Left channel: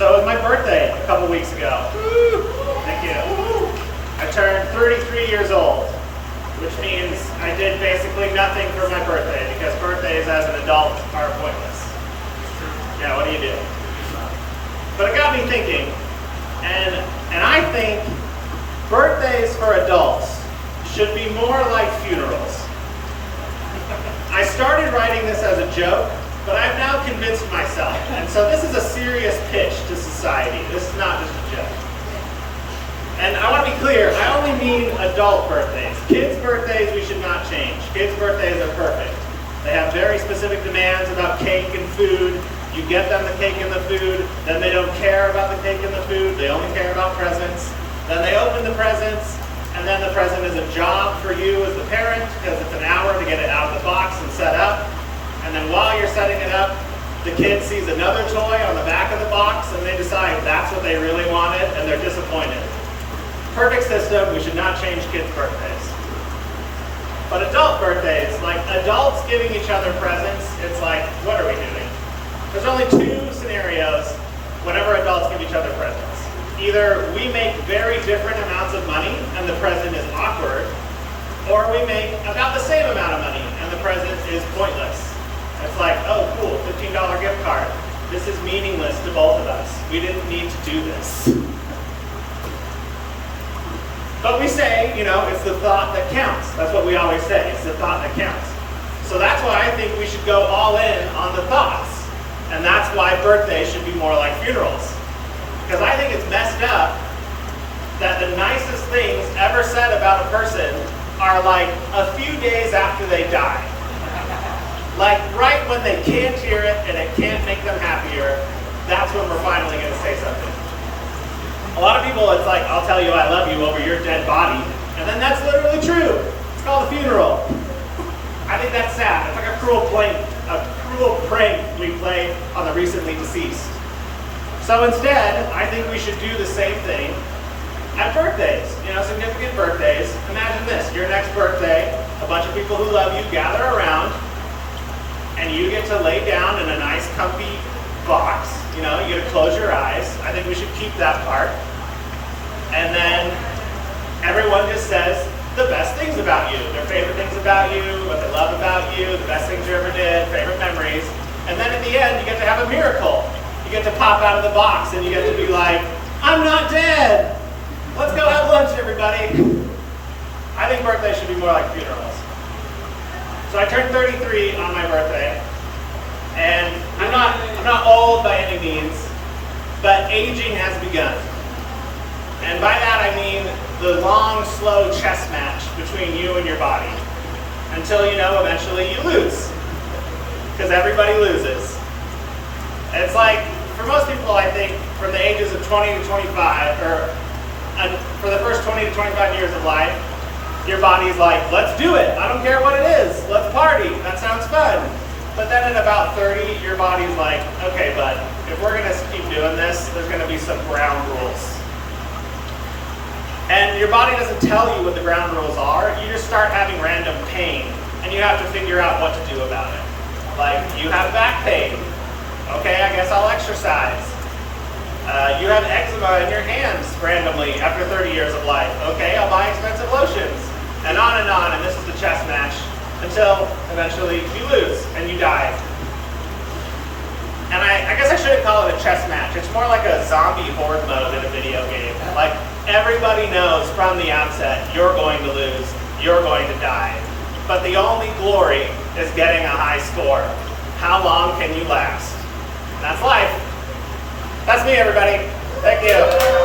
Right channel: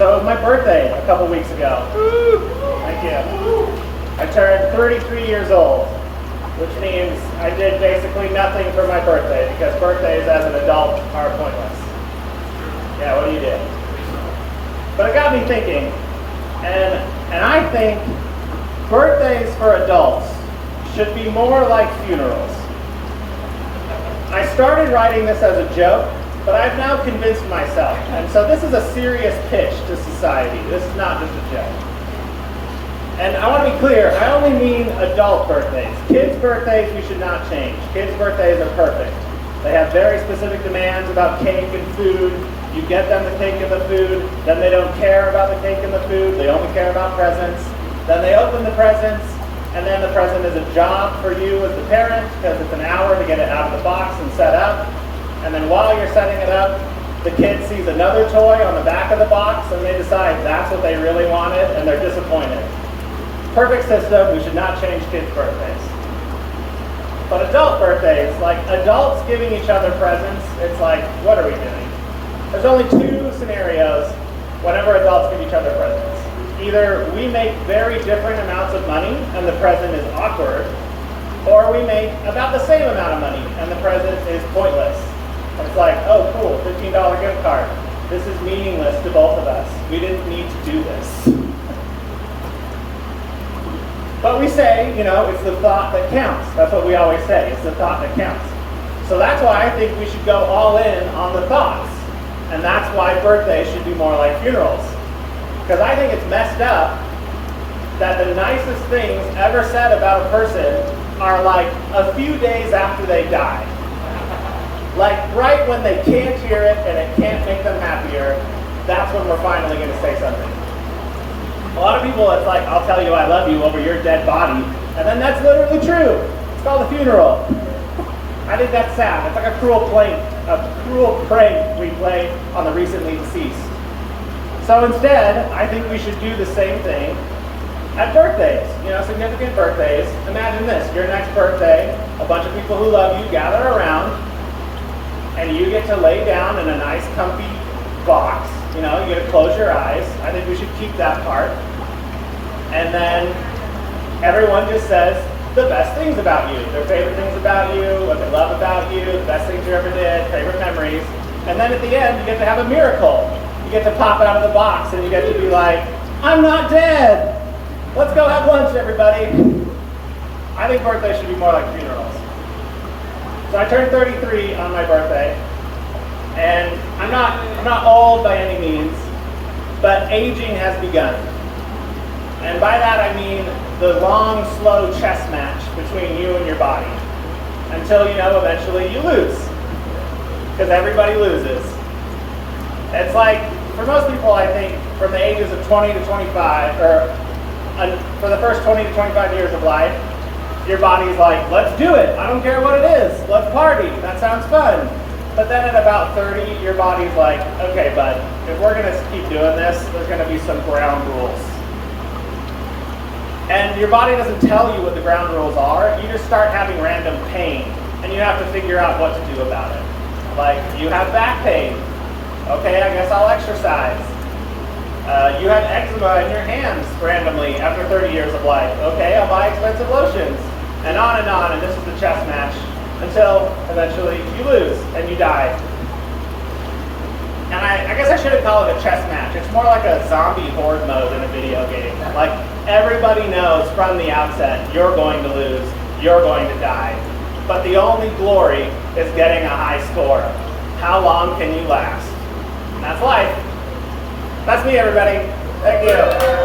So it was my birthday a couple weeks ago. Thank you. I turned 33 years old, which means I did basically nothing for my birthday because birthdays as an adult are pointless. Yeah, what do you do? But it got me thinking, and I think birthdays for adults should be more like funerals. I started writing this as a joke, but I've now convinced myself. And so this is a serious pitch to society. This is not just a joke. And I want to be clear, I only mean adult birthdays. Kids' birthdays we should not change. Kids' birthdays are perfect. They have very specific demands about cake and food. You get them the cake and the food, then they don't care about the cake and the food, they only care about presents. Then they open the presents, and then the present is a job for you as the parent, because it's an hour to get it out of the box and set up. And then while you're setting it up, the kid sees another toy on the back of the box, and they decide that's what they really wanted, and they're disappointed. Perfect system, we should not change kids' birthdays. But adult birthdays, like adults giving each other presents, it's like, what are we doing? There's only two scenarios whenever adults give each other presents. Either we make very different amounts of money and the present is awkward, or we make about the same amount of money and the present is pointless. And it's like, oh cool, $15 gift card. This is meaningless to both of us. We didn't need to do this. But we say, you know, it's the thought that counts. That's what we always say, it's the thought that counts. So that's why I think we should go all in on the thoughts. And that's why birthdays should be more like funerals. Because I think it's messed up that the nicest things ever said about a person are like a few days after they die. Like right when they can't hear it and it can't make them happier, that's when we're finally going to say something. A lot of people, it's like, I'll tell you I love you over your dead body, and then that's literally true. It's called a funeral. I think that's sad. It's like a cruel prank we play on the recently deceased. So instead, I think we should do the same thing at birthdays. You know, significant birthdays. Imagine this, your next birthday, a bunch of people who love you gather around, and you get to lay down in a nice comfy box. You know, you get to close your eyes. I think we should keep that part. And then everyone just says the best things about you, their favorite things about you, what they love about you, the best things you ever did, favorite memories. And then at the end, you get to have a miracle. You get to pop out of the box and you get to be like, I'm not dead. Let's go have lunch, everybody. I think birthdays should be more like funerals. So I turned 33 on my birthday. And I'm not old by any means, but aging has begun. And by that I mean the long, slow chess match between you and your body. Until, you know, eventually you lose. Because everybody loses. It's like, for most people, I think, from the ages of 20 to 25, or for the first 20 to 25 years of life, your body's like, let's do it. I don't care what it is. Let's party. That sounds fun. But then at about 30, your body's like, okay, bud, if we're going to keep doing this, there's going to be some ground rules. And your body doesn't tell you what the ground rules are. You just start having random pain, and you have to figure out what to do about it. Like, you have back pain. Okay, I guess I'll exercise. You have eczema in your hands randomly after 30 years of life. Okay, I'll buy expensive lotions. And on, and this is the chess match. Until eventually you lose and you die. And I guess I shouldn't call it a chess match. It's more like a zombie horde mode in a video game. Like everybody knows from the outset, you're going to lose, you're going to die. But the only glory is getting a high score. How long can you last? That's life. That's me, everybody. Thank you.